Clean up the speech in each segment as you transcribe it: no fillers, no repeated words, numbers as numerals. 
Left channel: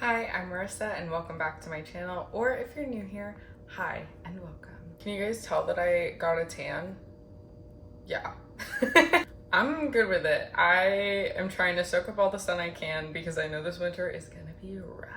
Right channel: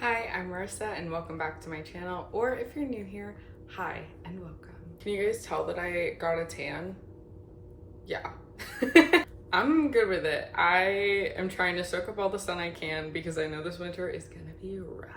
Hi, I'm Marissa and welcome back to my channel, or if you're new here, hi and welcome. Can you guys tell that I got a tan? Yeah. I'm good with it. I am trying to soak up all the sun I can because I know this winter is gonna be rough.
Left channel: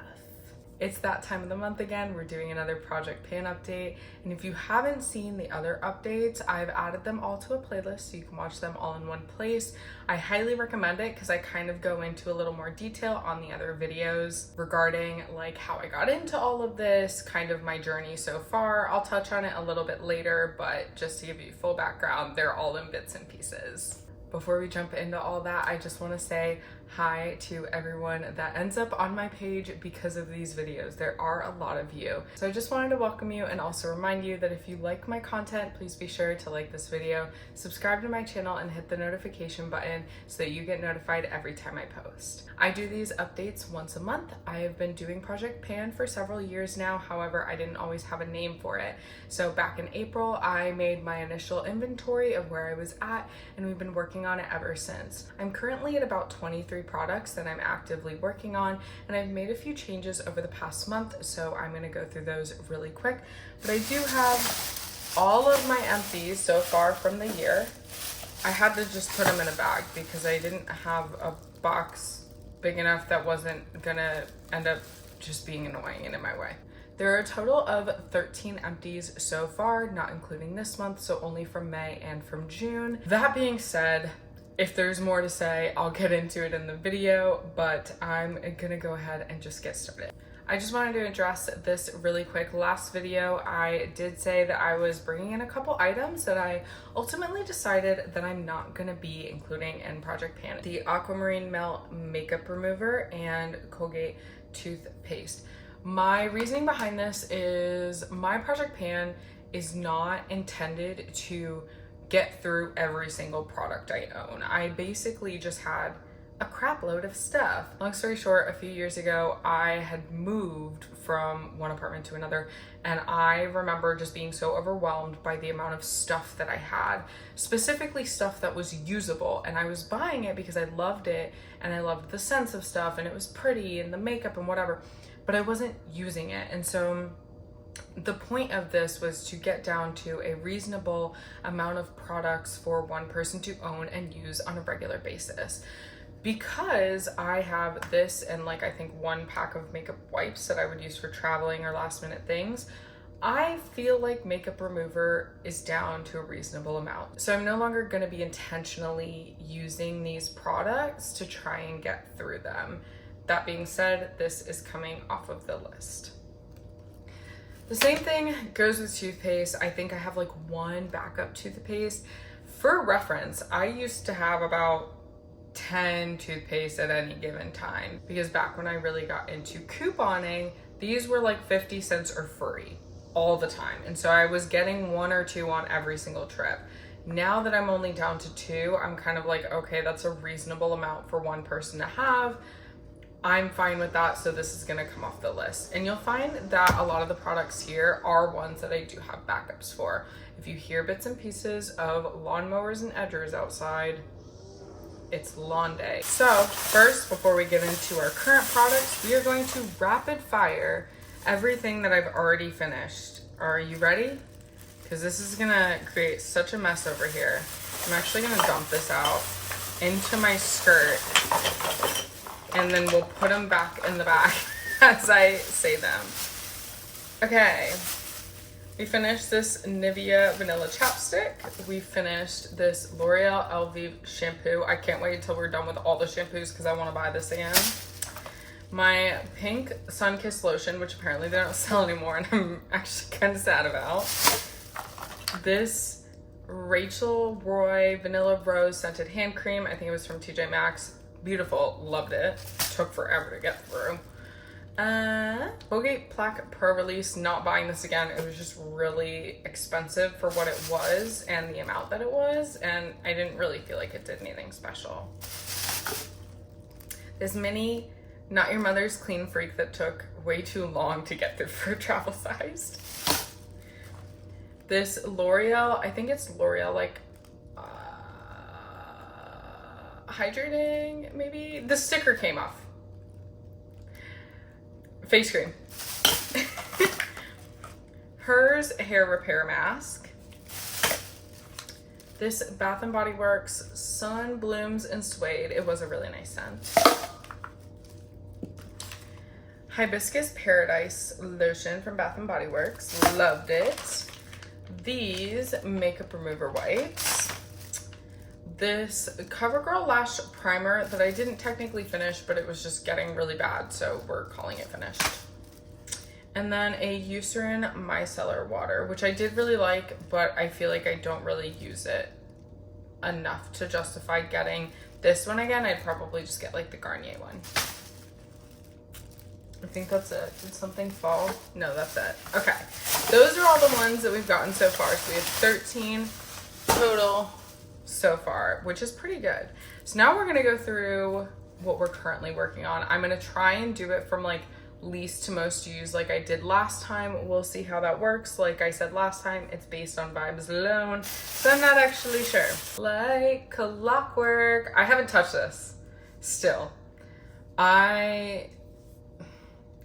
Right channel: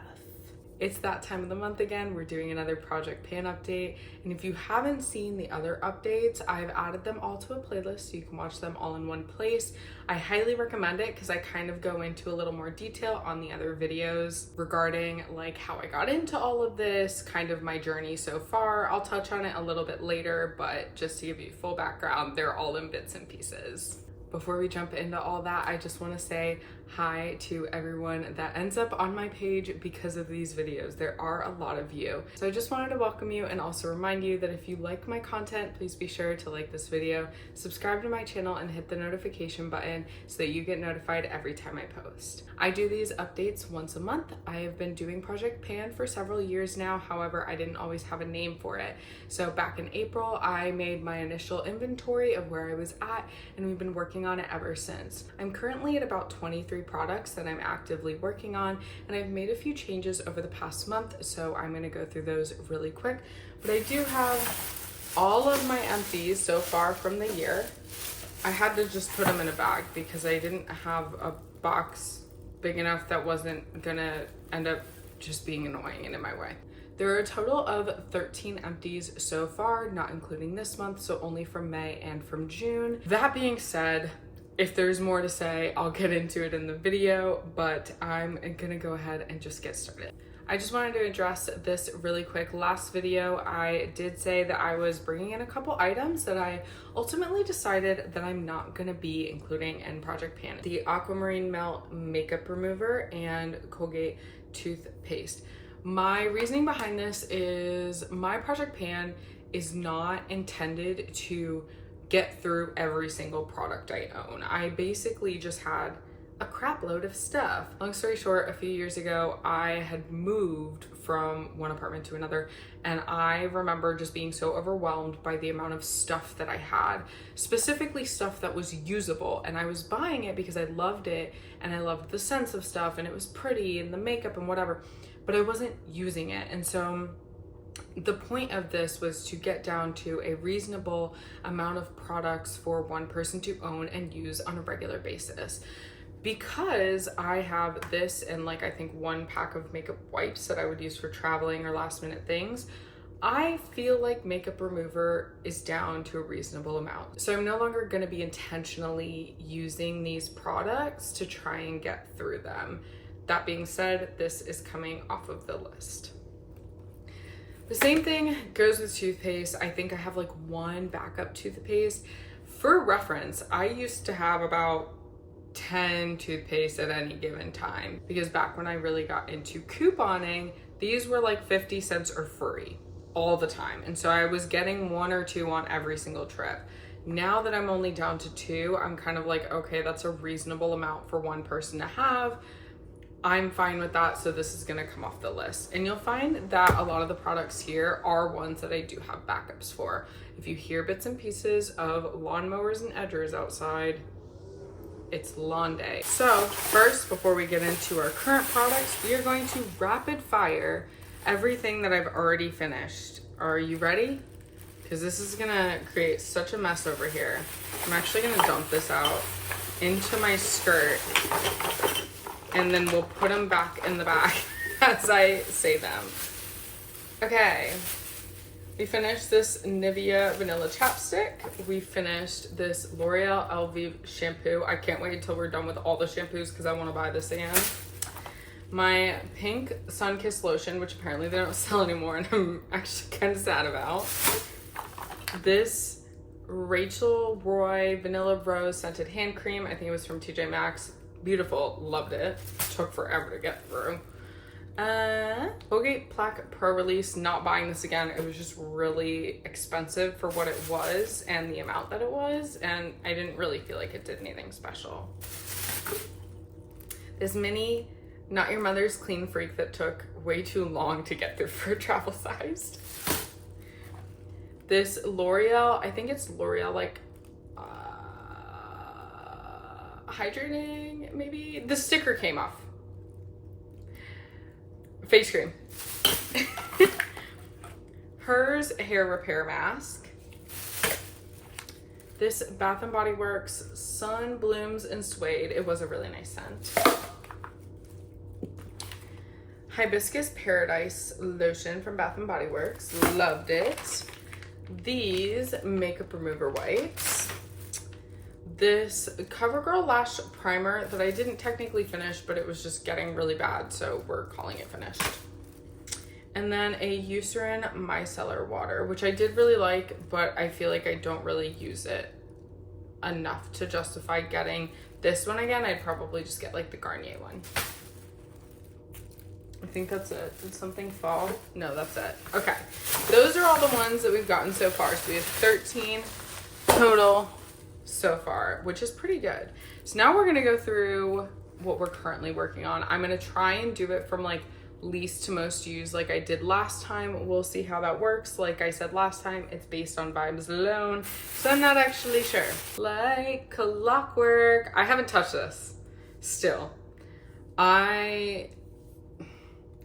It's that time of the month again. We're doing another Project Pan update. And if you haven't seen the other updates, I've added them all to a playlist so you can watch them all in one place. I highly recommend it because I kind of go into a little more detail on the other videos regarding like how I got into all of this, kind of my journey so far. I'll touch on it a little bit later, but just to give you full background, they're all in bits and pieces. Before we jump into all that, I just want to say hi to everyone that ends up on my page because of these videos. There are a lot of you. So I just wanted to welcome you and also remind you that if you like my content, please be sure to like this video, subscribe to my channel, and hit the notification button so that you get notified every time I post. I do these updates once a month. I have been doing Project Pan for several years now. However, I didn't always have a name for it. So back in April, I made my initial inventory of where I was at, and we've been working on it ever since. I'm currently at about 23 products that I'm actively working on, and I've made a few changes over the past month, so I'm gonna go through those really quick. But I do have all of my empties so far from the year. I had to just put them in a bag because I didn't have a box big enough that wasn't gonna end up just being annoying and in my way. There are a total of 13 empties so far, not including this month, so only from May and from June. That being said, if there's more to say, I'll get into it in the video, but I'm gonna go ahead and just get started. I just wanted to address this really quick. Last video, I did say that I was bringing in a couple items that I ultimately decided that I'm not gonna be including in Project Pan. The Aquamarine Melt Makeup Remover and Colgate Toothpaste. My reasoning behind this is my Project Pan is not intended to get through every single product I own. I basically just had a crap load of stuff. Long story short, a few years ago, I had moved from one apartment to another, and I remember just being so overwhelmed by the amount of stuff that I had, specifically stuff that was usable, and I was buying it because I loved it, and I loved the sense of stuff, and it was pretty, and the makeup and whatever, but I wasn't using it. And so the point of this was to get down to a reasonable amount of products for one person to own and use on a regular basis. Because I have this and like I think one pack of makeup wipes that I would use for traveling or last minute things, I feel like makeup remover is down to a reasonable amount. So I'm no longer going to be intentionally using these products to try and get through them. That being said, this is coming off of the list. The same thing goes with toothpaste. I think I have like one backup toothpaste. For reference, I used to have about 10 toothpaste at any given time because back when I really got into couponing, these were like 50 cents or free all the time. And so I was getting one or two on every single trip. Now that I'm only down to two, I'm kind of like, okay, that's a reasonable amount for one person to have. I'm fine with that, so this is gonna come off the list. And you'll find that a lot of the products here are ones that I do have backups for. If you hear bits and pieces of lawnmowers and edgers outside, it's lawn day. So first, before we get into our current products, we are going to rapid fire everything that I've already finished. Are you ready? Because this is gonna create such a mess over here. I'm actually gonna dump this out into my skirt, and then we'll put them back in the bag as I say them. Okay, we finished this Nivea Vanilla Chapstick. We finished this L'Oreal Elvive shampoo. I can't wait till we're done with all the shampoos because I want to buy this again. My pink Sunkissed lotion, which apparently they don't sell anymore, and I'm actually kind of sad about. This Rachel Roy Vanilla Rose Scented Hand Cream. I think it was from TJ Maxx. Beautiful, loved it. Took forever to get through. Colgate Plaque Pro Release, not buying this again. It was just really expensive for what it was and the amount that it was, and I didn't really feel like it did anything special. This mini Not Your Mother's Clean Freak that took way too long to get through for travel sized. This L'Oreal, I think it's L'Oreal like hydrating, maybe? The sticker came off. face cream. Hers hair repair mask. This Bath & Body Works Sun Blooms and Suede. It was a really nice scent. Hibiscus Paradise lotion from Bath & Body Works. Loved it. These makeup remover wipes. This CoverGirl Lash Primer that I didn't technically finish, but it was just getting really bad, so we're calling it finished. And then a Eucerin Micellar Water, which I did really like, but I feel like I don't really use it enough to justify getting this one again. I'd probably just get like the Garnier one. I think that's it. Did something fall? No, that's it. Okay, those are all the ones that we've gotten so far. So we have 13 total so far, which is pretty good. So now we're gonna go through what we're currently working on. I'm gonna try and do it from like least to most used like I did last time. We'll see how that works. Like I said last time, it's based on vibes alone, so I'm not actually sure. Like clockwork. I haven't touched this still.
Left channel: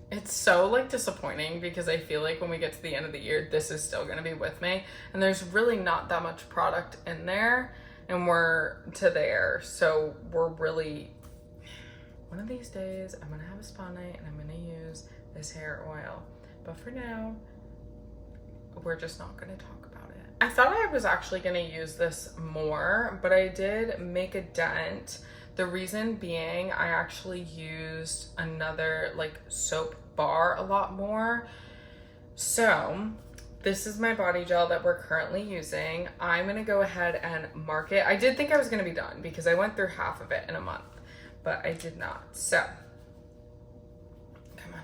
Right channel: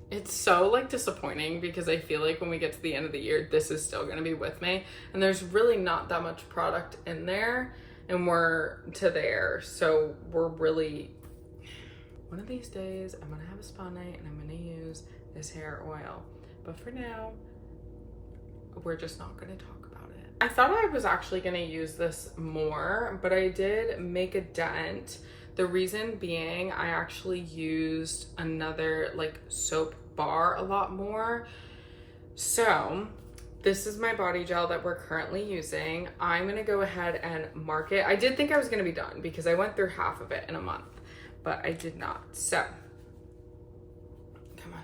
It's so like disappointing because I feel like when we get to the end of the year, this is still gonna be with me, and there's really not that much product in there, and we're to there, so we're really, one of these days I'm gonna have a spa night and I'm gonna use this hair oil, but for now we're just not gonna talk about it. I thought I was actually gonna use this more, but I did make a dent. The reason being, I actually used another like soap bar a lot more. So this is my body gel that we're currently using. I'm gonna go ahead and mark it. I did think I was gonna be done because I went through half of it in a month, but I did not. So come on,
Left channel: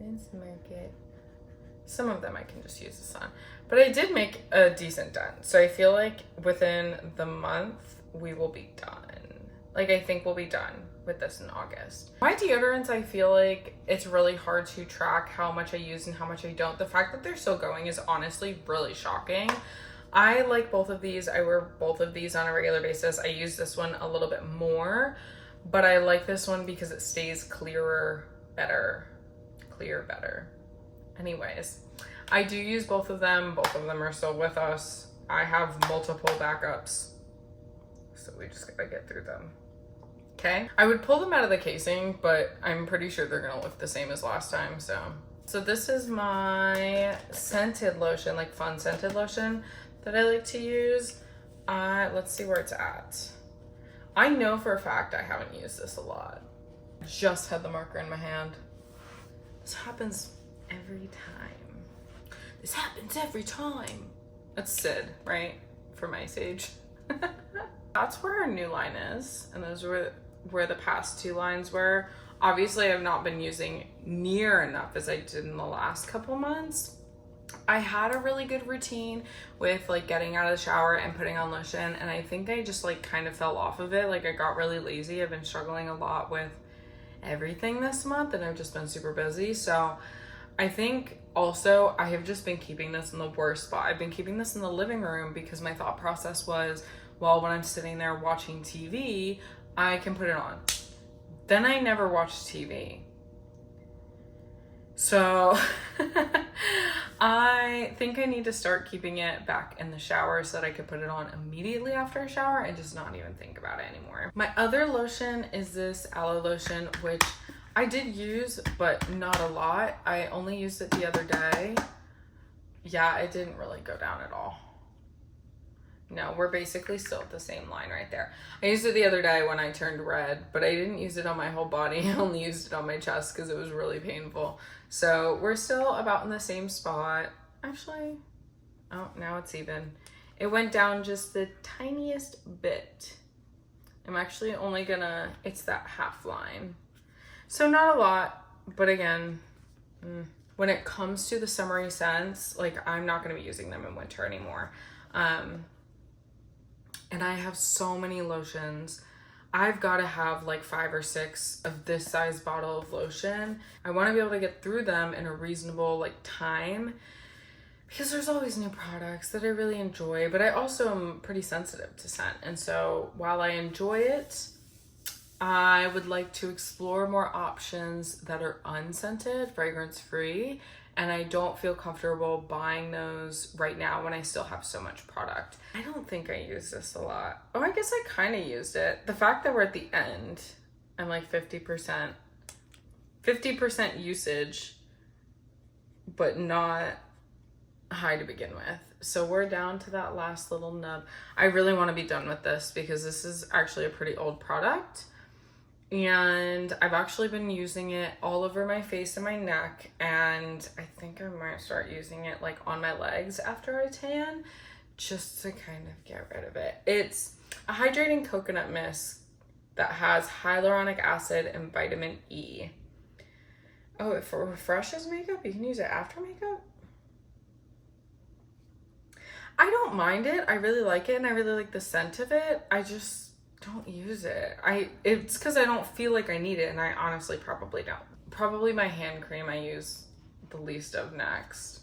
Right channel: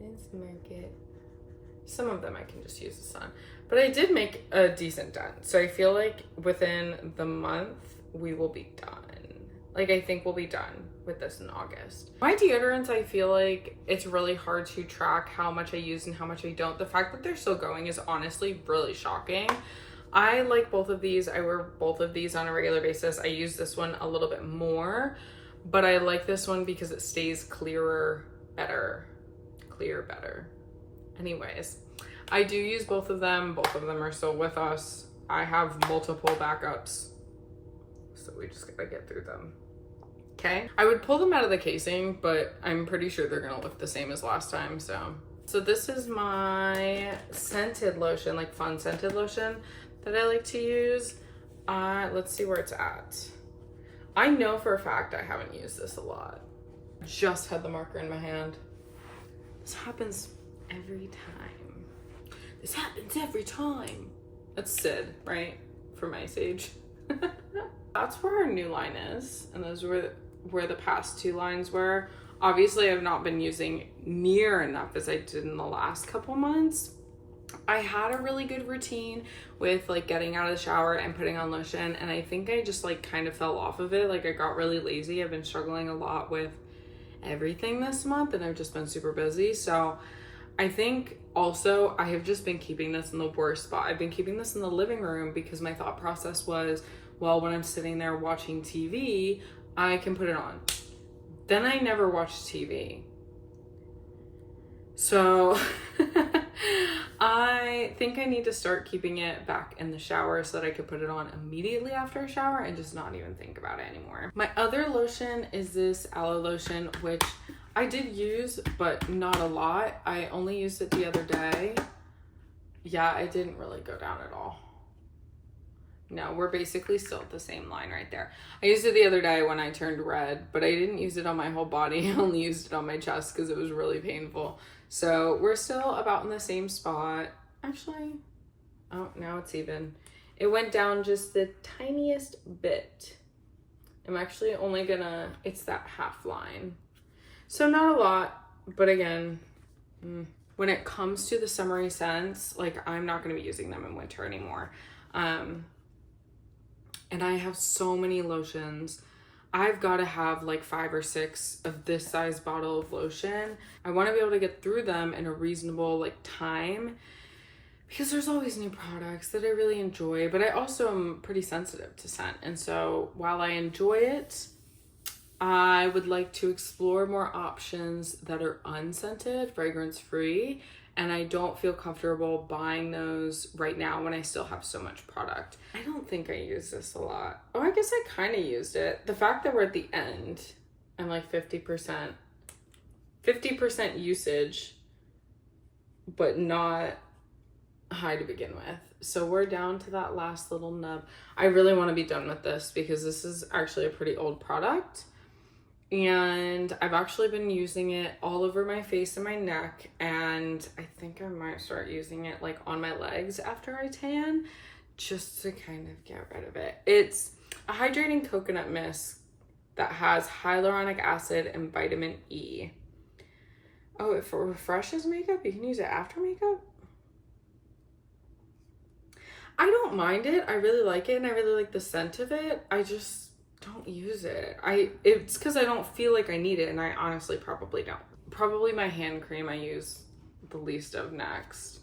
let's mark it. Some of them I can just use this on, but I did make a decent dent. So I feel like within the month we will be done. Like I think we'll be done with this in August. My deodorants, I feel like it's really hard to track how much I use and how much I don't. The fact that they're still going is honestly really shocking. I like both of these. I wear both of these on a regular basis. I use this one a little bit more, but I like this one because it stays clear better. Anyways, I do use both of them. Both of them are still with us. I have multiple backups, so we just gotta get through them. Okay, I would pull them out of the casing, but I'm pretty sure they're gonna look the same as last time. So this is my scented lotion, like fun scented lotion that I like to use. Let's see where it's at. I know for a fact I haven't used this a lot. Just had the marker in my hand. This happens every time. This happens every time. That's Sid, right? From Ice Age. That's where our new line is, and those were where the past two lines were. Obviously, I've not been using near enough as I did in the last couple months. I had a really good routine with like getting out of the shower and putting on lotion, and I think I just like kind of fell off of it. Like I got really lazy. I've been struggling a lot with everything this month, and I've just been super busy. So I think also I have just been keeping this in the worst spot. I've been keeping this in the living room because my thought process was, well, when I'm sitting there watching TV, I can put it on. Then I never watched TV. So I think I need to start keeping it back in the shower so that I could put it on immediately after a shower and just not even think about it anymore. My other lotion is this aloe lotion, which I did use, but not a lot. I only used it the other day. Yeah, it didn't really go down at all. No, we're basically still at the same line right there. I used it the other day when I turned red, but I didn't use it on my whole body. I only used it on my chest because it was really painful. So we're still about in the same spot. Actually, oh, now it's even. It went down just the tiniest bit. I'm actually only gonna, it's that half line. So not a lot, but again, when it comes to the summery scents, like I'm not gonna be using them in winter anymore. And I have so many lotions. I've got to have like 5 or 6 of this size bottle of lotion. I want to be able to get through them in a reasonable like time because there's always new products that I really enjoy, but I also am pretty sensitive to scent. And so while I enjoy it, I would like to explore more options that are unscented, fragrance free, and I don't feel comfortable buying those right now when I still have so much product. I don't think I use this a lot. Oh, I guess I kind of used it. The fact that we're at the end, I'm like 50% usage, but not high to begin with. So we're down to that last little nub. I really want to be done with this because this is actually a pretty old product. And I've actually been using it all over my face and my neck, and I think I might start using it like on my legs after I tan, just to kind of get rid of it. It's a hydrating coconut mist that has hyaluronic acid and vitamin E. Oh, if it refreshes makeup, you can use it after makeup? I don't mind it. I really like it, and I really like the scent of it. I just don't use it. It's because I don't feel like I need it, and I honestly probably don't. Probably my hand cream I use the least of next.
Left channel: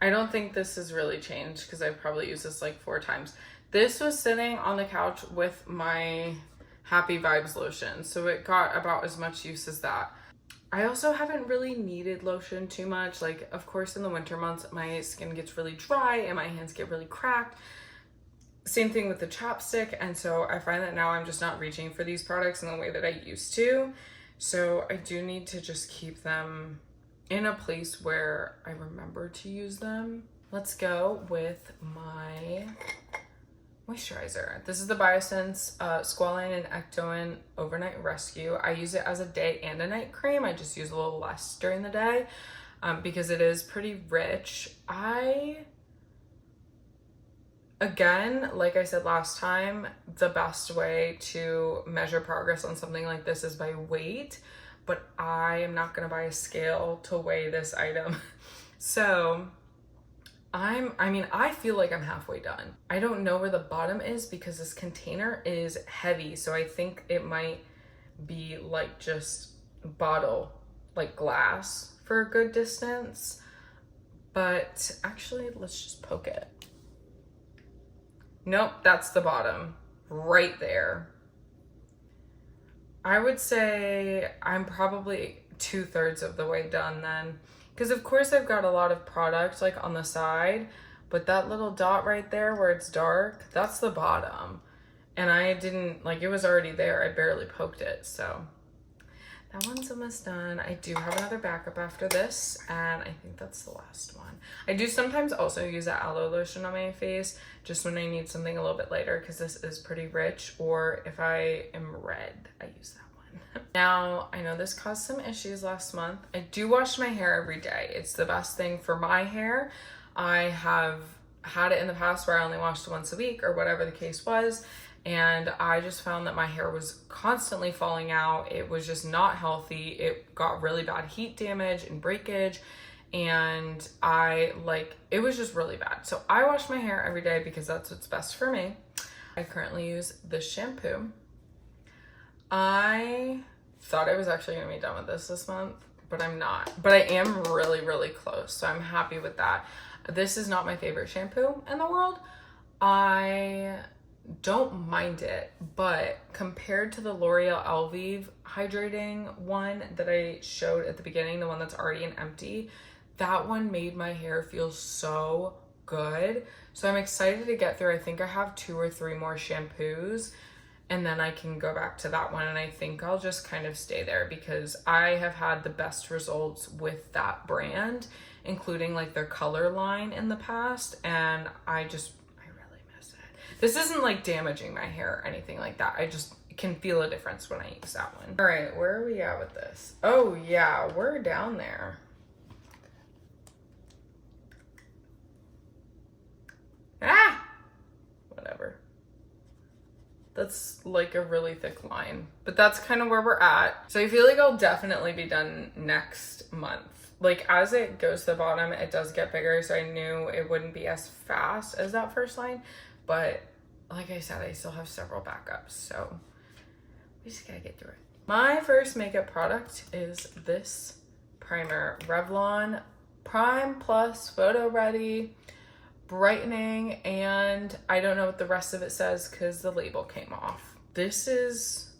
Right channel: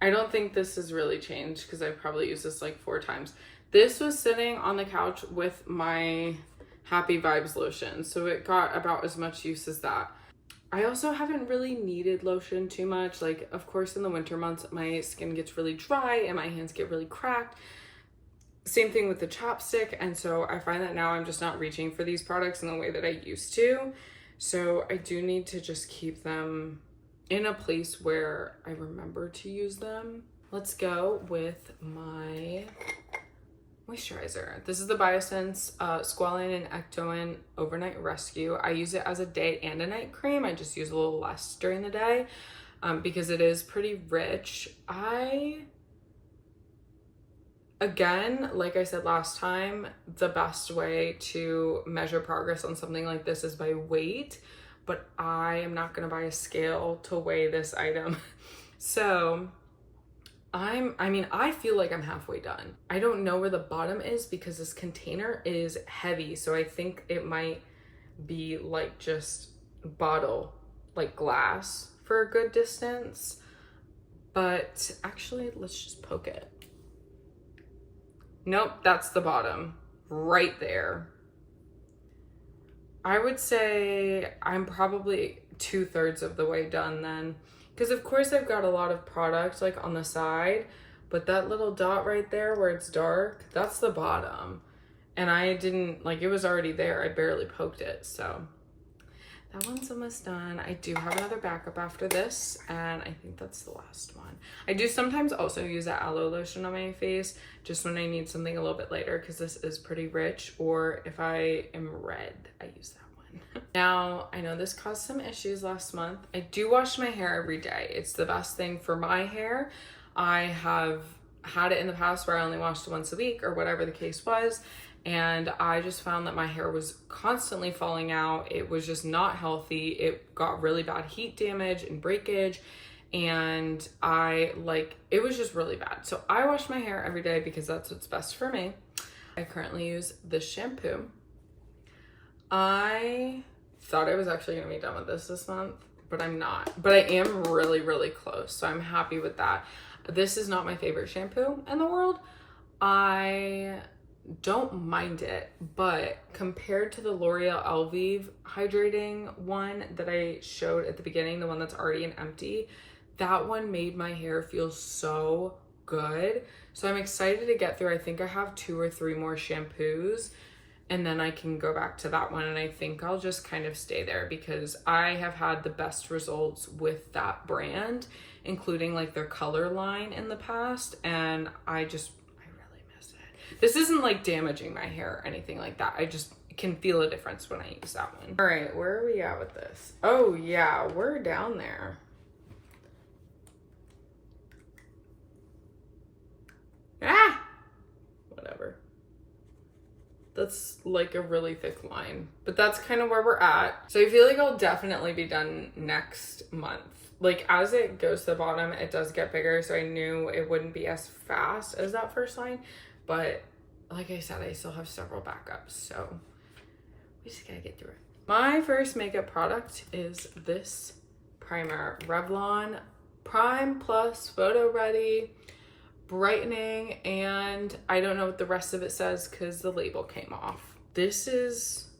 I don't think this has really changed because I've probably used this like 4 times. This was sitting on the couch with my Happy Vibes lotion, so it got about as much use as that. I also haven't really needed lotion too much. Like, of course, in the winter months, my skin gets really dry and my hands get really cracked. Same thing with the chapstick. And so I find that now I'm just not reaching for these products in the way that I used to. So I do need to just keep them in a place where I remember to use them. Let's go with my moisturizer. This is the Biosense Squalane and Ectoin Overnight Rescue. I use it as a day and a night cream. I just use a little less during the day because it is pretty rich. Again, like I said last time, the best way to measure progress on something like this is by weight, but I am not gonna buy a scale to weigh this item. So I feel like I'm halfway done. I don't know where the bottom is because this container is heavy. So I think it might be like just bottle, like glass for a good distance. But actually, let's just poke it. Nope, that's the bottom right there. I would say I'm probably 2/3 of the way done then. Because of course I've got a lot of product like on the side, but that little dot right there where it's dark, that's the bottom. And I didn't, like, it was already there. I barely poked it, so that one's almost done. I do have another backup after this, and I think that's the last one. I do sometimes also use that aloe lotion on my face just when I need something a little bit lighter because this is pretty rich, or if I am red, I use that. Now, I know this caused some issues last month. I do wash my hair every day. It's the best thing for my hair. I have had it in the past where I only washed once a week or whatever the case was, and I just found that my hair was constantly falling out. It was just not healthy. It got really bad heat damage and breakage, and it was just really bad. So I wash my hair every day because that's what's best for me. I currently use this shampoo. I thought I was actually gonna be done with this month, but I'm not. But I am really, really close, so I'm happy with that. This is not my favorite shampoo in the world. I don't mind it, but compared to the L'Oreal Elvive hydrating one that I showed at the beginning, the one that's already an empty, that one made my hair feel so good. So I'm excited to get through. I think I have 2 or 3 more shampoos, and then I can go back to that one, and I think I'll just kind of stay there because I have had the best results with that brand, including like their color line in the past, and I really miss it. This isn't like damaging my hair or anything like that. I just can feel a difference when I use that one. All right, where are we at with this? Oh yeah, we're down there. Ah! Whatever. That's like a really thick line, but that's kind of where we're at. So I feel like I'll definitely be done next month. Like as it goes to the bottom, it does get bigger. So I knew it wouldn't be as fast as that first line, but like I said, I still have several backups. So we just gotta get through it. My first makeup product is this primer, Revlon Prime Plus Photo Ready brightening, and I don't know what the rest of it says because the label came off. This is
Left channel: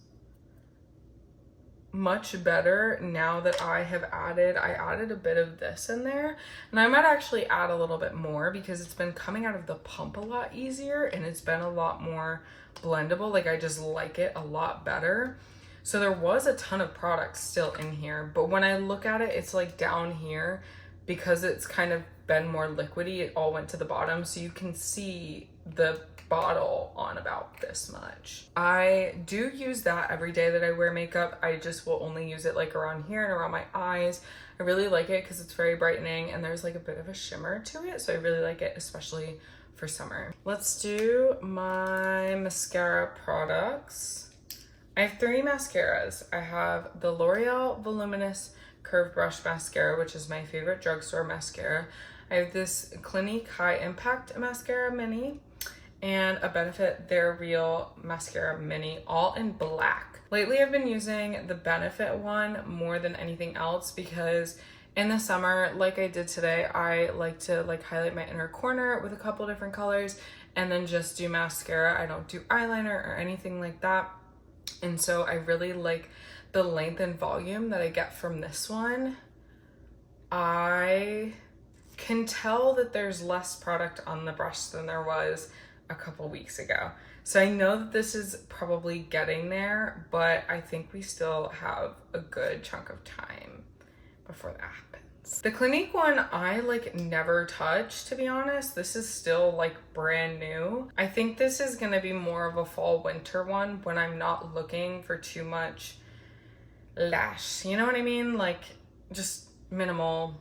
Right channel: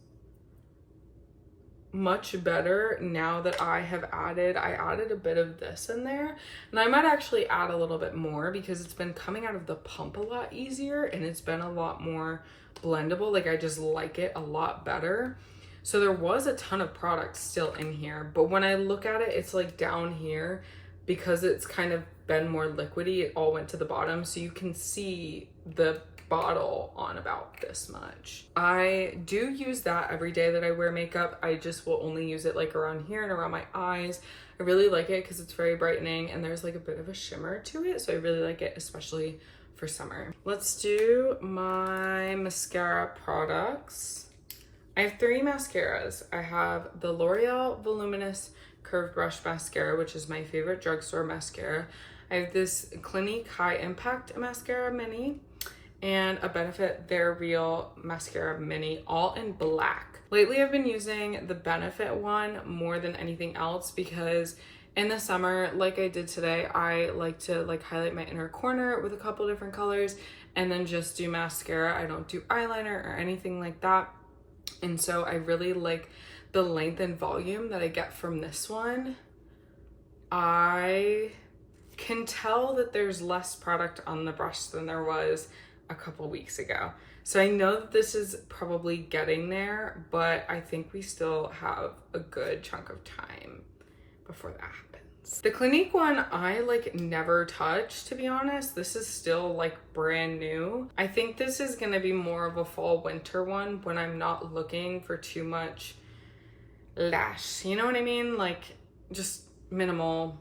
much better now that I added a bit of this in there, and I might actually add a little bit more because it's been coming out of the pump a lot easier and it's been a lot more blendable. Like I just like it a lot better. So there was a ton of product still in here, but when I look at it, it's like down here because it's kind of been more liquidy, it all went to the bottom, so you can see the bottle on about this much. I do use that every day that I wear makeup. I just will only use it like around here and around my eyes. I really like it because it's very brightening and there's like a bit of a shimmer to it, so I really like it, especially for summer. Let's do my mascara products. I have 3 mascaras. I have the L'Oreal Voluminous Curved Brush Mascara, which is my favorite drugstore mascara. I have this Clinique High Impact Mascara Mini and a Benefit They're Real Mascara Mini, all in black. Lately, I've been using the Benefit one more than anything else because in the summer, like I did today, I like to like highlight my inner corner with a couple different colors and then just do mascara. I don't do eyeliner or anything like that. And so I really like the length and volume that I get from this one. I can tell that there's less product on the brush than there was a couple weeks ago. So I know that this is probably getting there, but I think we still have a good chunk of time before that happens. The Clinique one, I like never touch, to be honest. This is still like brand new. I think this is gonna be more of a fall winter one when I'm not looking for too much lash. You know what I mean? Like just minimal.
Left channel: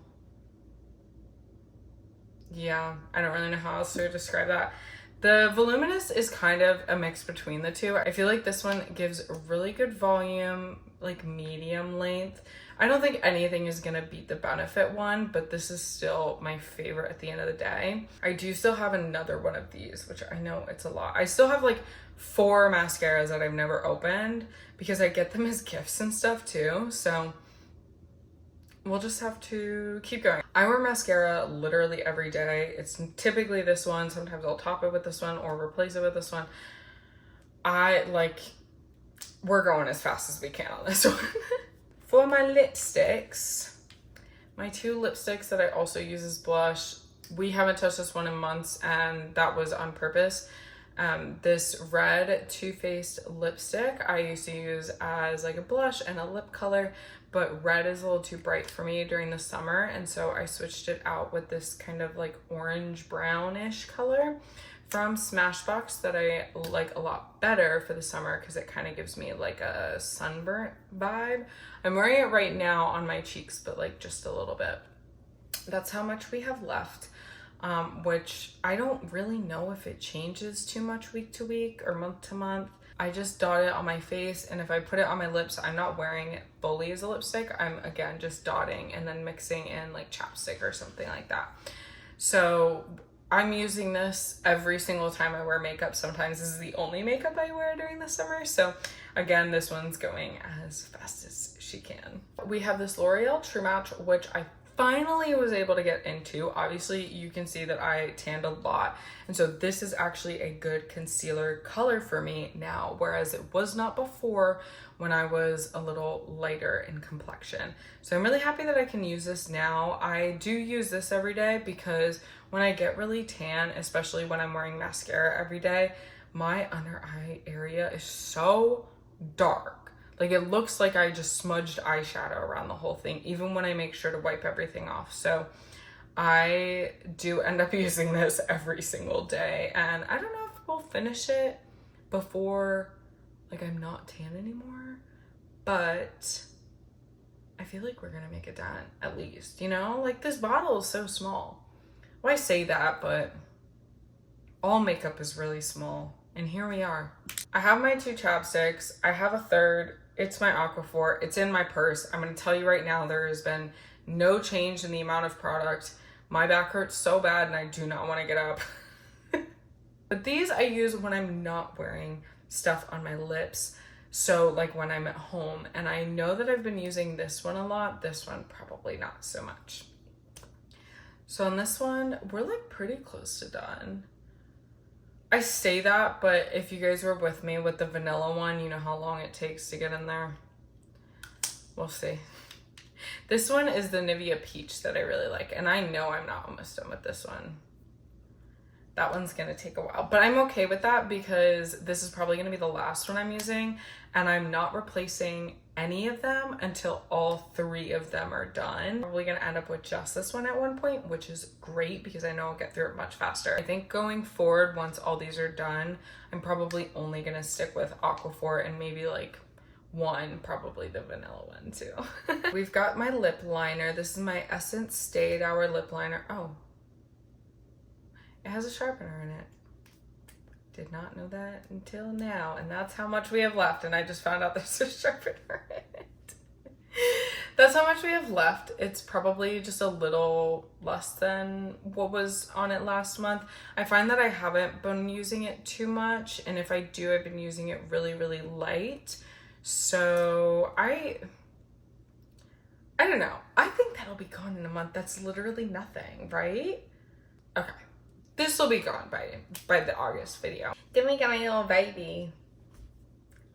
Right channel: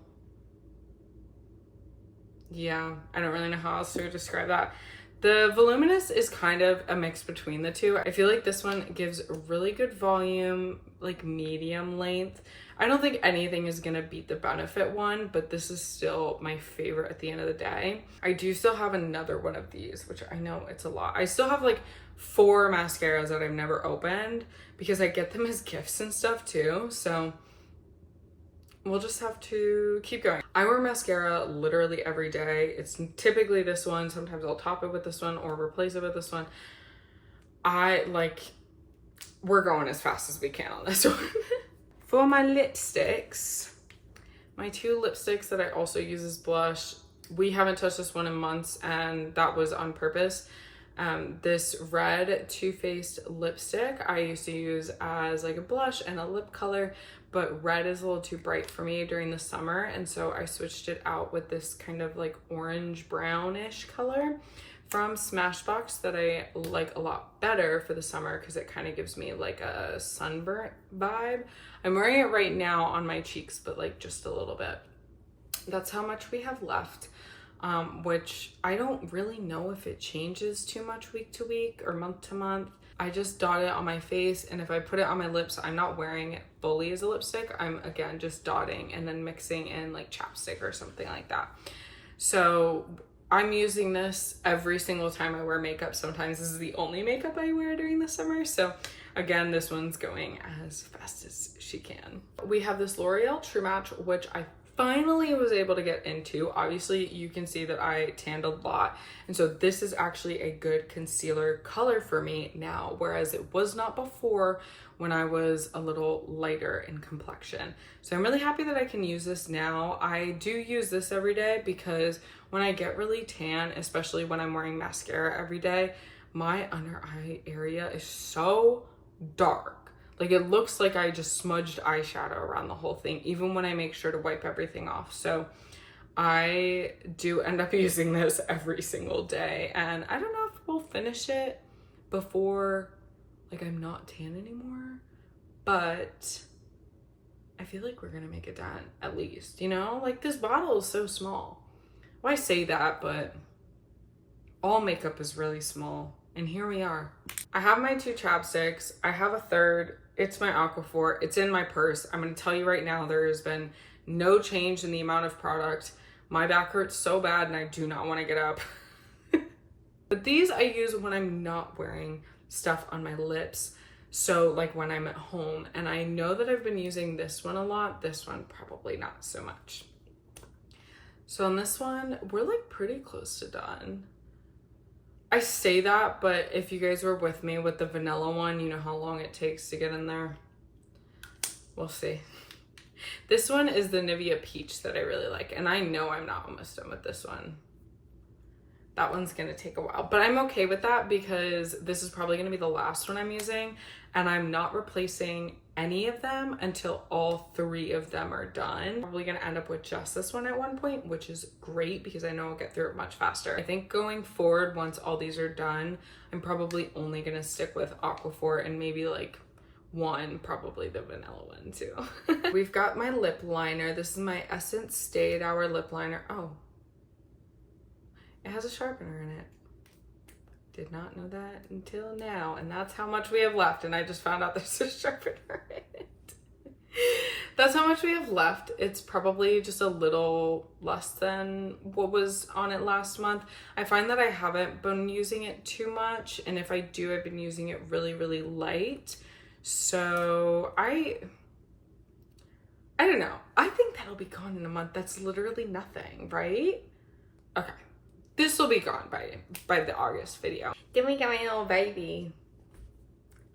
Yeah, I don't really know how else to describe that. The Voluminous is kind of a mix between the two. I feel like this one gives really good volume, like medium length. I don't think anything is gonna beat the Benefit one, but this is still my favorite at the end of the day. I do still have another one of these, which I know it's a lot. I still have like 4 mascaras that I've never opened because I get them as gifts and stuff too. So we'll just have to keep going. I wear mascara literally every day. It's typically this one. Sometimes I'll top it with this one or replace it with this one. We're going as fast as we can on this one. For my lipsticks, my 2 lipsticks that I also use as blush, we haven't touched this one in months and that was on purpose. This red Too Faced lipstick I used to use as like a blush and a lip color, but red is a little too bright for me during the summer, and so I switched it out with this kind of like orange brownish color from Smashbox that I like a lot better for the summer because it kind of gives me like a sunburnt vibe. I'm wearing it right now on my cheeks, but like just a little bit. That's how much we have left. Which I don't really know if it changes too much week to week or month to month. I just dot it on my face, and if I put it on my lips, I'm not wearing it fully as a lipstick. I'm again just dotting and then mixing in like chapstick or something like that. So I'm using this every single time I wear makeup. Sometimes this is the only makeup I wear during the summer. So again, this one's going as fast as she can. We have this L'Oreal True Match, which I finally was able to get into. Obviously you can see that I tanned a lot, and so this is actually a good concealer color for me now, whereas it was not before when I was a little lighter in complexion. So I'm really happy that I can use this now. I do use this every day because when I get really tan, especially when I'm wearing mascara every day, my under eye area is so dark. Like it looks like I just smudged eyeshadow around the whole thing, even when I make sure to wipe everything off. So I do end up using this every single day, and I don't know if we'll finish it before like I'm not tan anymore, but I feel like we're gonna make it done at least, you know? Like this bottle is so small. Well, I say that, but all makeup is really small, and here we are. I have my 2 chapsticks. I have a third. It's my Aquaphor. It's in my purse. I'm gonna tell you right now, there has been no change in the amount of product. My back hurts so bad and I do not wanna get up. But these I use when I'm not wearing stuff on my lips. So like when I'm at home, and I know that I've been using this one a lot. This one probably not so much. So on this one, we're like pretty close to done. I say that, but if you guys were with me with the vanilla one, you know how long it takes to get in there. We'll see. This one is the Nivea Peach that I really like. And I know I'm not almost done with this one. That one's gonna take a while, but I'm okay with that because this is probably gonna be the last one I'm using, and I'm not replacing any of them until all 3 of them are done. Probably gonna end up with just this one at one point, which is great because I know I'll get through it much faster. I think going forward, once all these are done, I'm probably only gonna stick with Aquaphor and maybe like one, probably the vanilla one too. We've got my lip liner. This is my Essence Stay Hour lip liner. Oh, it has a sharpener in it. Did not know that until now. And that's how much we have left. And I just found out there's a sharpener in it. That's how much we have left. It's probably just a little less than what was on it last month. I find that I haven't been using it too much. And if I do, I've been using it really, really light. So I don't know. I think that'll be gone in a month. That's literally nothing, right? Okay. This will be gone by the August video. Then we got my little baby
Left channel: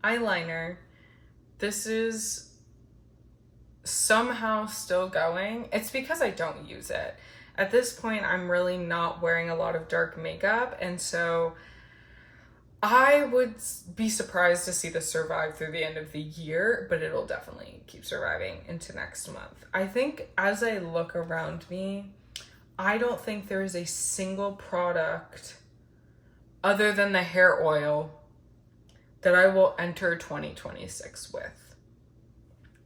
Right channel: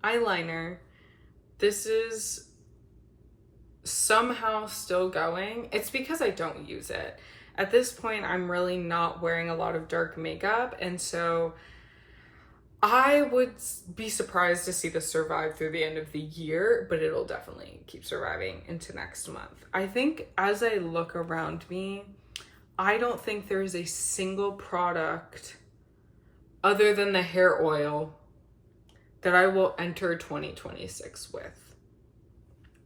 eyeliner. This is somehow still going. It's because I don't use it. At this point, I'm really not wearing a lot of dark makeup, and so I would be surprised to see this survive through the end of the year, but it'll definitely keep surviving into next month. I think as I look around me, I don't think there is a single product other than the hair oil that I will enter 2026 with.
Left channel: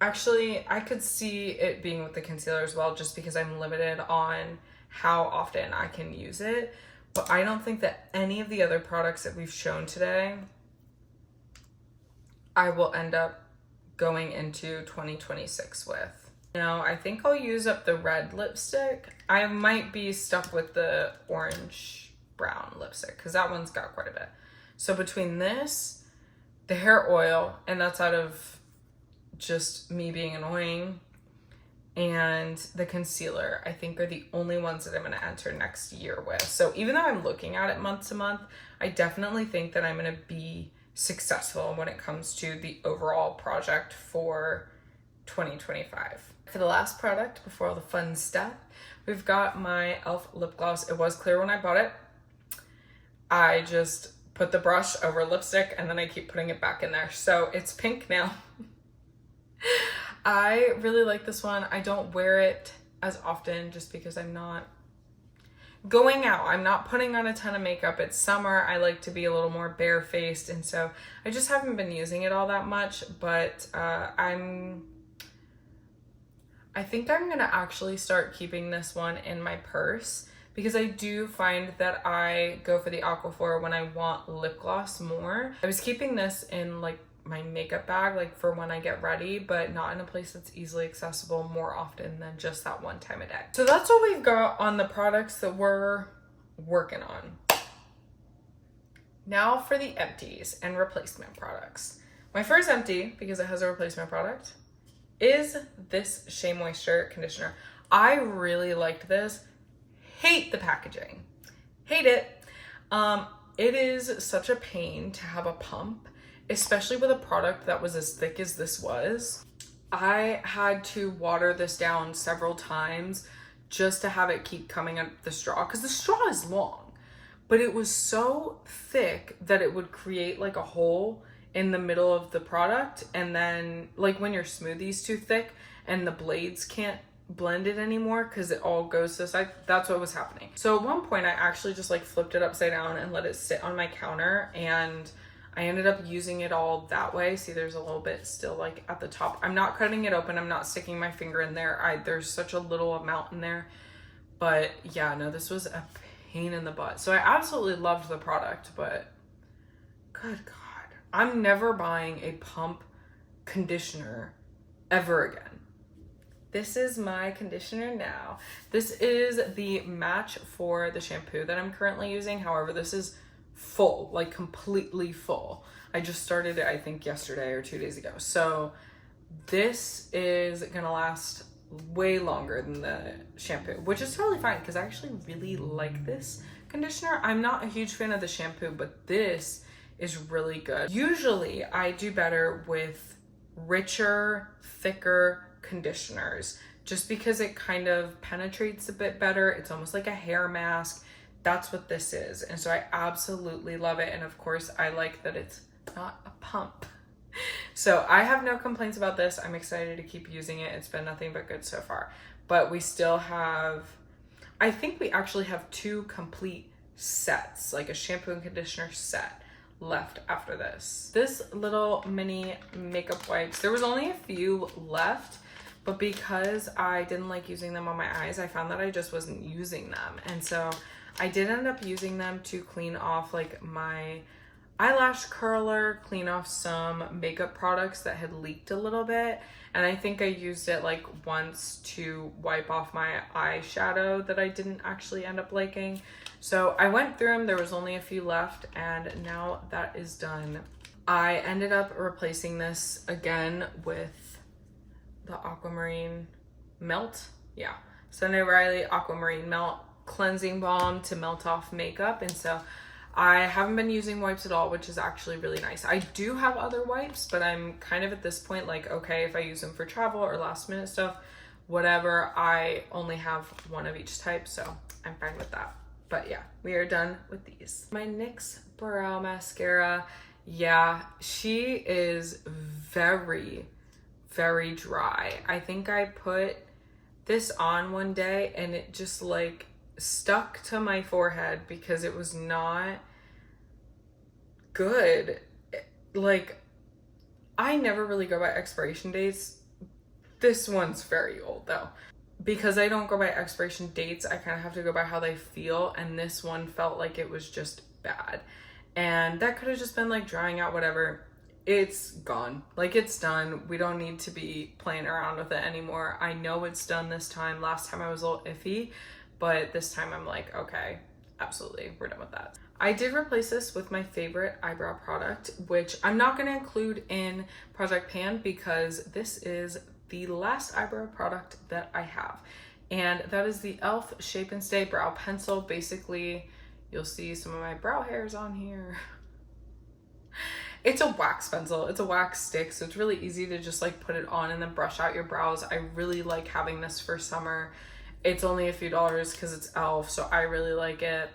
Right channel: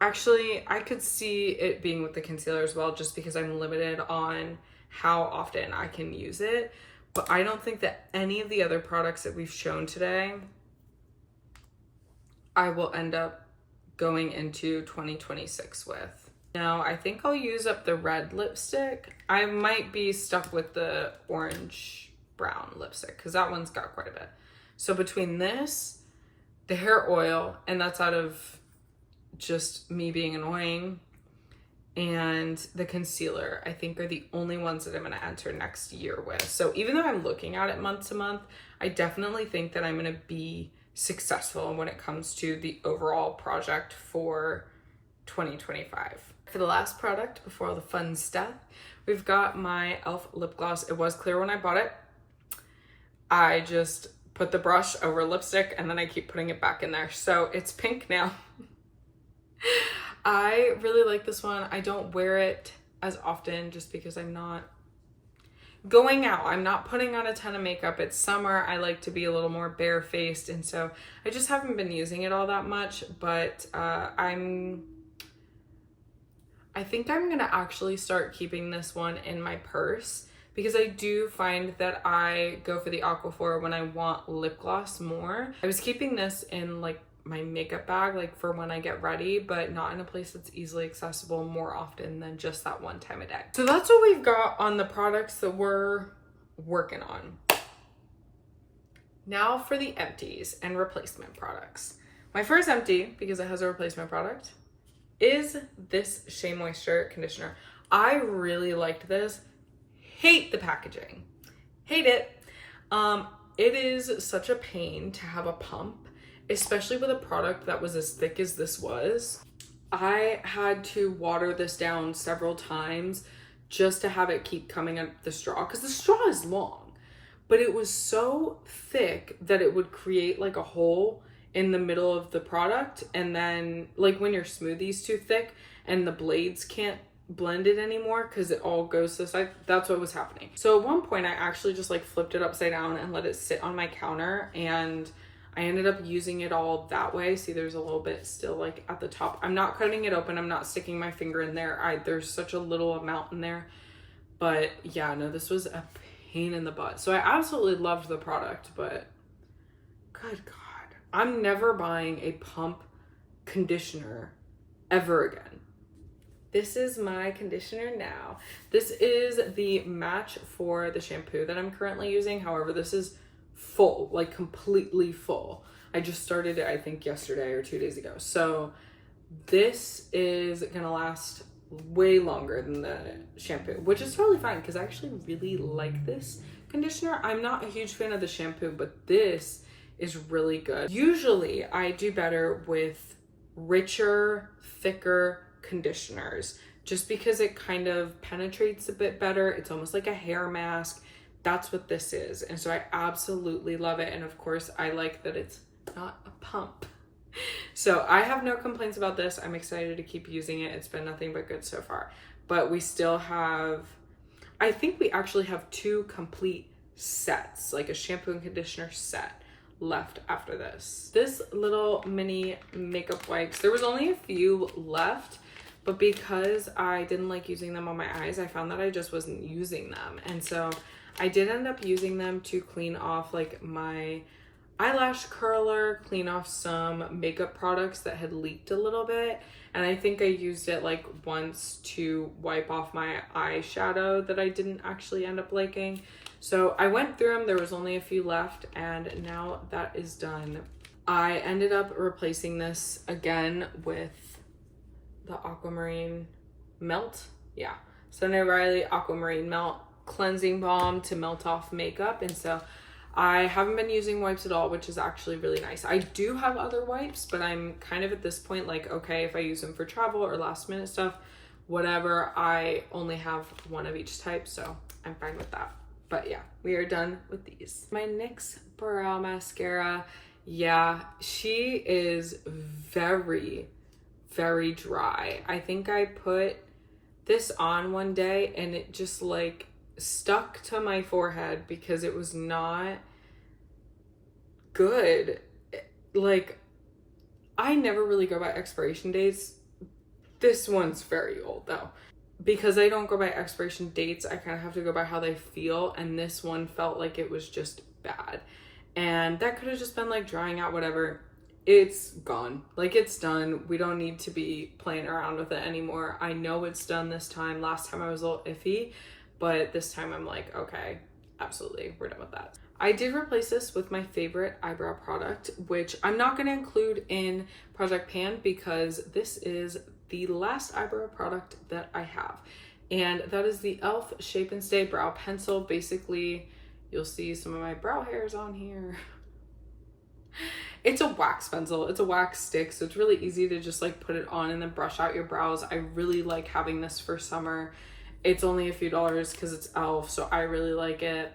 Actually, I could see it being with the concealer as well, just because I'm limited on how often I can use it. But I don't think that any of the other products that we've shown today, I will end up going into 2026 with. Now, I think I'll use up the red lipstick. I might be stuck with the orange brown lipstick because that one's got quite a bit. So between this, the hair oil, and that's out of just me being annoying, and the concealer, I think are the only ones that I'm going to enter next year with. So even though I'm looking at it month to month, I definitely think that I'm going to be successful when it comes to the overall project for 2025. For the last product, before all the fun stuff, we've got my e.l.f. lip gloss. It was clear when I bought it. I just put the brush over lipstick and then I keep putting it back in there. So it's pink now. I really like this one. I don't wear it as often just because I'm not going out. I'm not putting on a ton of makeup. It's summer. I like to be a little more barefaced, and so I just haven't been using it all that much, but I think I'm gonna actually start keeping this one in my purse because I do find that I go for the Aquaphor when I want lip gloss more. I was keeping this in like my makeup bag, like for when I get ready, but not in a place that's easily accessible more often than just that one time a day. So that's what we've got on the products that we're working on. Now for the empties and replacement products. My first empty, because it has a replacement product, is this Shea Moisture conditioner. I really liked this. Hate the packaging. Hate it. It is such a pain to have a pump, especially with a product that was as thick as this was. I had to water this down several times just to have it keep coming up the straw, because the straw is long, but it was so thick that it would create like a hole in the middle of the product, and then like when your smoothie's too thick and the blades can't blend it anymore because it all goes to the side, that's what was happening. So at one point I actually just like flipped it upside down and let it sit on my counter, and I ended up using it all that way. See, there's a little bit still like at the top. I'm not cutting it open. I'm not sticking my finger in there. There's such a little amount in there, but yeah, no, this was a pain in the butt. So I absolutely loved the product, but good God, I'm never buying a pump conditioner ever again. This is my conditioner now. This is the match for the shampoo that I'm currently using. However, this is full, like completely full. I just started it, I think yesterday or 2 days ago. So this is gonna last way longer than the shampoo, which is totally fine because I actually really like this conditioner. I'm not a huge fan of the shampoo, but this is really good. Usually I do better with richer, thicker conditioners, just because it kind of penetrates a bit better. It's almost like a hair mask. That's what this is. And so I absolutely love it. And of course, I like that it's not a pump. So I have no complaints about this. I'm excited to keep using it. It's been nothing but good so far. But we still have, I think we actually have 2 complete sets, like a shampoo and conditioner set left after this. This little mini makeup wipes, there was only a few left, but because I didn't like using them on my eyes, I found that I just wasn't using them. And so I did end up using them to clean off like my eyelash curler, clean off some makeup products that had leaked a little bit. And I think I used it like once to wipe off my eyeshadow that I didn't actually end up liking. So I went through them, there was only a few left, and now that is done. I ended up replacing this again with the Aquamarine Melt. Yeah, Sunday Riley Aquamarine Melt Cleansing Balm to melt off makeup. And so I haven't been using wipes at all, which is actually really nice. I do have other wipes, but I'm kind of at this point like, okay, if I use them for travel or last minute stuff, whatever, I only have one of each type, so I'm fine with that. But yeah, we are done with these. My NYX Brow Mascara, yeah, she is very, very dry. I think I put this on one day and it just like stuck to my forehead because it was not good. Like, I never really go by expiration dates. This one's very old though. Because I don't go by expiration dates, I kind of have to go by how they feel, and this one felt like it was just bad. And that could have just been like drying out, whatever. It's gone. Like, it's done. We don't need to be playing around with it anymore. I know it's done this time. Last time I was a little iffy, but this time I'm like, okay, absolutely, we're done with that. I did replace this with my favorite eyebrow product, which I'm not going to include in Project Pan because this is the last eyebrow product that I have, and that is the e.l.f. Shape and Stay Brow Pencil. Basically, you'll see some of my brow hairs on here. It's a wax pencil, it's a wax stick, so it's really easy to just like put it on and then brush out your brows. I really like having this for summer. It's only a few dollars because it's e.l.f., so I really like it.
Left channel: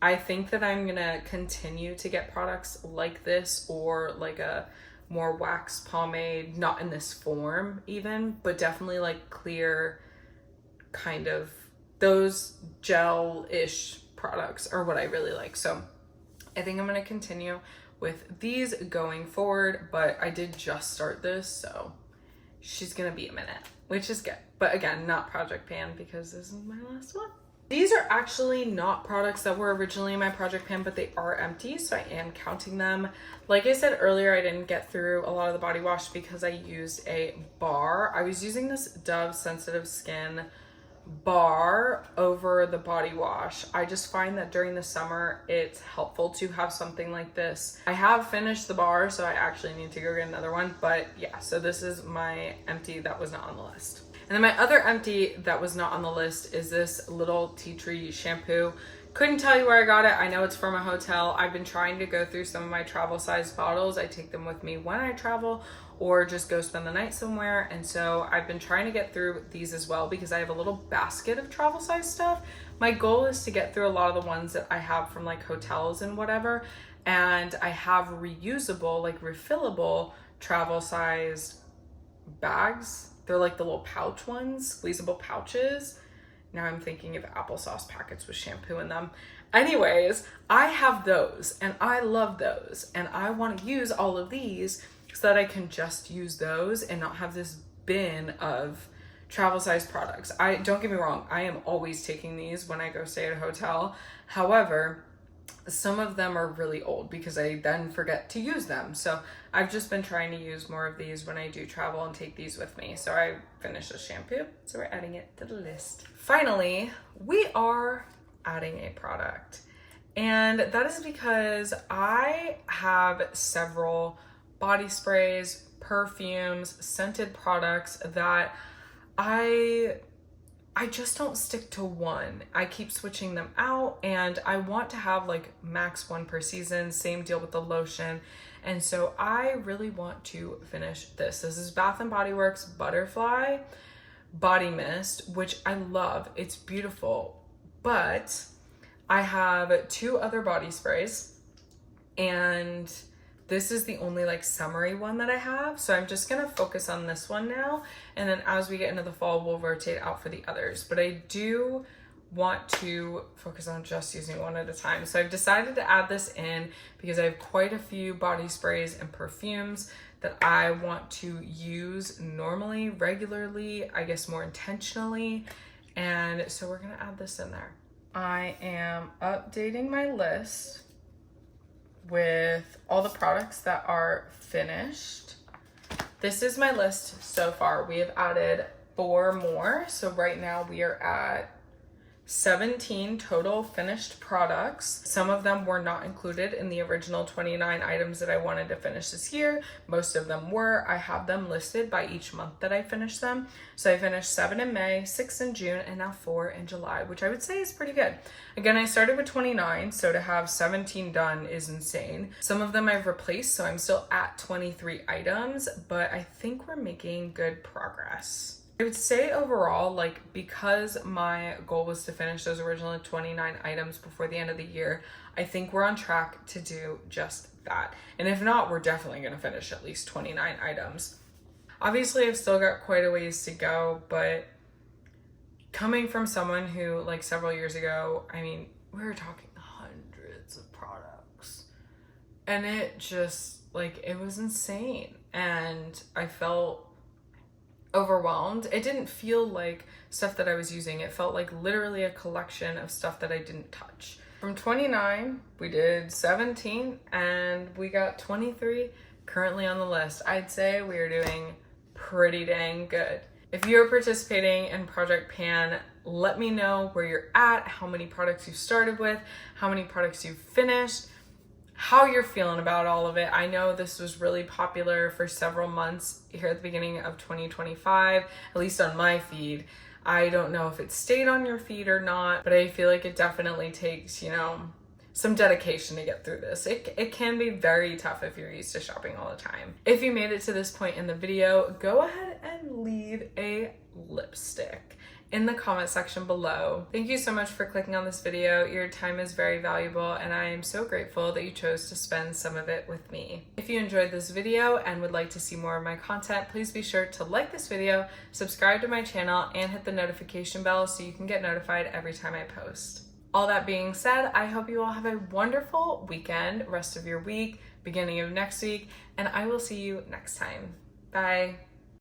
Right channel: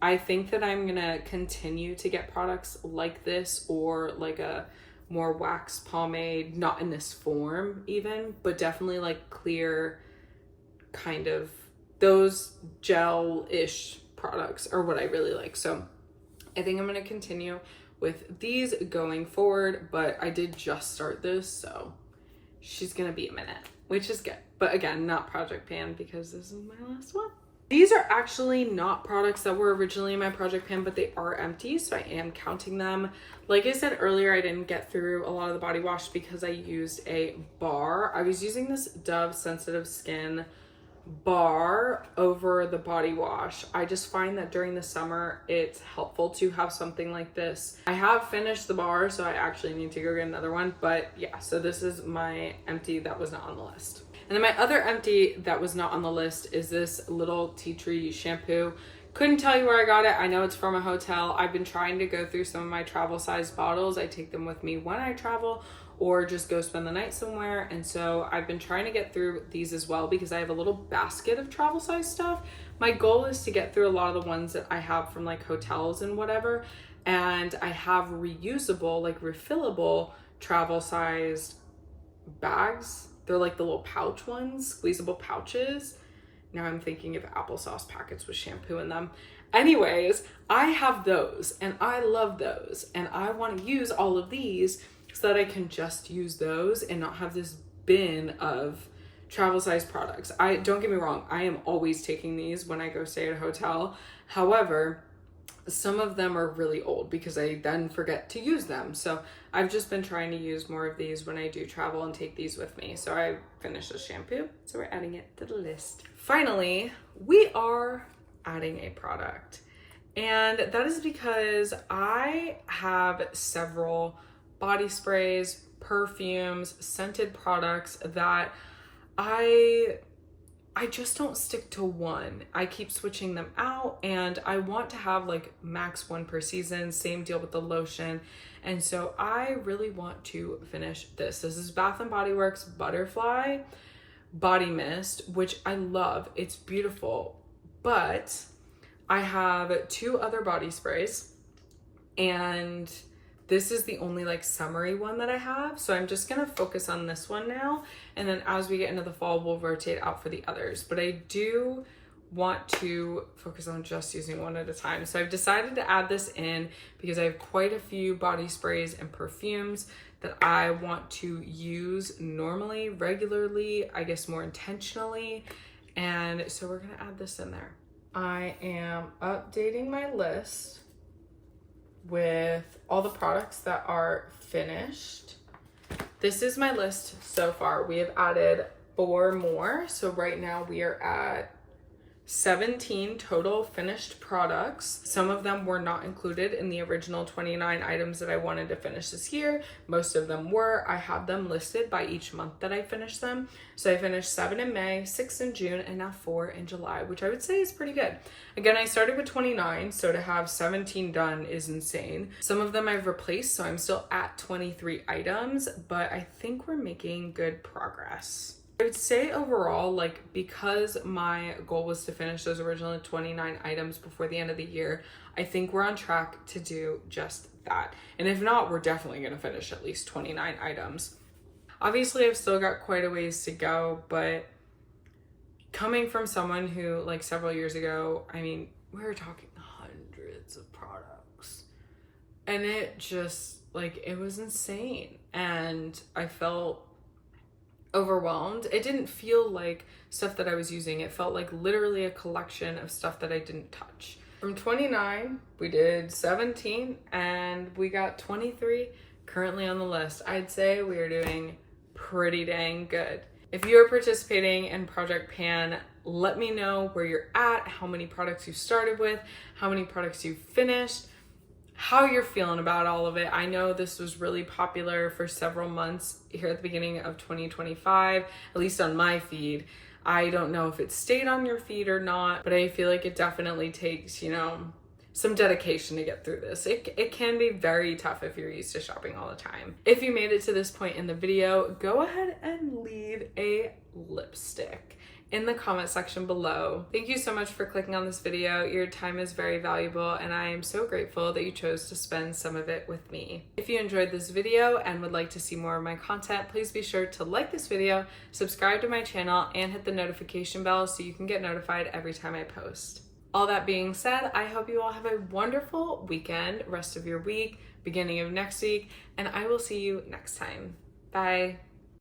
I think that I'm gonna continue to get products like this, or like a more wax pomade, not in this form even, but definitely like clear, kind of those gel-ish products are what I really like. So I think I'm going to continue with these going forward, but I did just start this, so she's going to be a minute, which is good. But again, not Project Pan because this is my last one. These are actually not products that were originally in my Project Pan, but they are empty, so I am counting them. Like I said earlier, I didn't get through a lot of the body wash because I used a bar. I was using this Dove Sensitive Skin bar over the body wash. I just find that during the summer, it's helpful to have something like this. I have finished the bar, so I actually need to go get another one. But yeah, so this is my empty that was not on the list. And then my other empty that was not on the list is this little tea tree shampoo. Couldn't tell you where I got it. I know it's from a hotel. I've been trying to go through some of my travel size bottles. I take them with me when I travel or just go spend the night somewhere. And so I've been trying to get through these as well because I have a little basket of travel size stuff. My goal is to get through a lot of the ones that I have from like hotels and whatever. And I have reusable, like refillable travel sized bags. They're like the little pouch ones, squeezable pouches. Now I'm thinking of applesauce packets with shampoo in them. Anyways, I have those and I love those. And I want to use all of these so that I can just use those and not have this bin of travel size products. Don't get me wrong, I am always taking these when I go stay at a hotel. However, some of them are really old because I then forget to use them. So I've just been trying to use more of these when I do travel and take these with me. So I finished the shampoo, so we're adding it to the list. Finally, we are adding a product. And that is because I have several body sprays, perfumes, scented products that I just don't stick to one. I keep switching them out and I want to have like max one per season. Same deal with the lotion. And so I really want to finish this. This is Bath & Body Works Butterfly Body Mist, which I love. It's beautiful, but I have 2 other body sprays, and this is the only like summery one that I have. So I'm just gonna focus on this one now. And then as we get into the fall, we'll rotate out for the others. But I do want to focus on just using one at a time. So I've decided to add this in because I have quite a few body sprays and perfumes that I want to use normally, regularly, I guess more intentionally. And so we're gonna add this in there. I am updating my list with all the products that are finished. This is my list so far. We have added 4 more. So right now we are at 17 total finished products. Some of them were not included in the original 29 items that I wanted to finish this year. Most of them were. I have them listed by each month that I finished them. So I finished 7 in May, 6 in June, and now 4 in July, which I would say is pretty good. Again, I started with 29, so to have 17 done is insane. Some of them I've replaced, so I'm still at 23 items, but I think we're making good progress. I would say overall, like, because my goal was to finish those original 29 items before the end of the year, I think we're on track to do just that. And if not, we're definitely going to finish at least 29 items. Obviously, I've still got quite a ways to go, but coming from someone who, like, several years ago, I mean, we were talking hundreds of products, and it just, like, it was insane. And I felt overwhelmed. It didn't feel like stuff that I was using. It felt like literally a collection of stuff that I didn't touch. From 29, we did 17, and we got 23 currently on the list. I'd say we are doing pretty dang good. If you're participating in Project Pan, let me know where you're at, how many products you've started with, how many products you've finished, how you're feeling about all of it. I know this was really popular for several months here at the beginning of 2025, at least on my feed. I don't know if it stayed on your feed or not, but I feel like it definitely takes, you know, some dedication to get through this. It can be very tough if you're used to shopping all the time. If you made it to this point in the video, go ahead and leave a lipstick in the comment section below. Thank you so much for clicking on this video. Your time is very valuable, and I am so grateful that you chose to spend some of it with me. If you enjoyed this video and would like to see more of my content, please be sure to like this video, subscribe to my channel, and hit the notification bell so you can get notified every time I post. All that being said, I hope you all have a wonderful weekend, rest of your week, beginning of next week, and I will see you next time. Bye.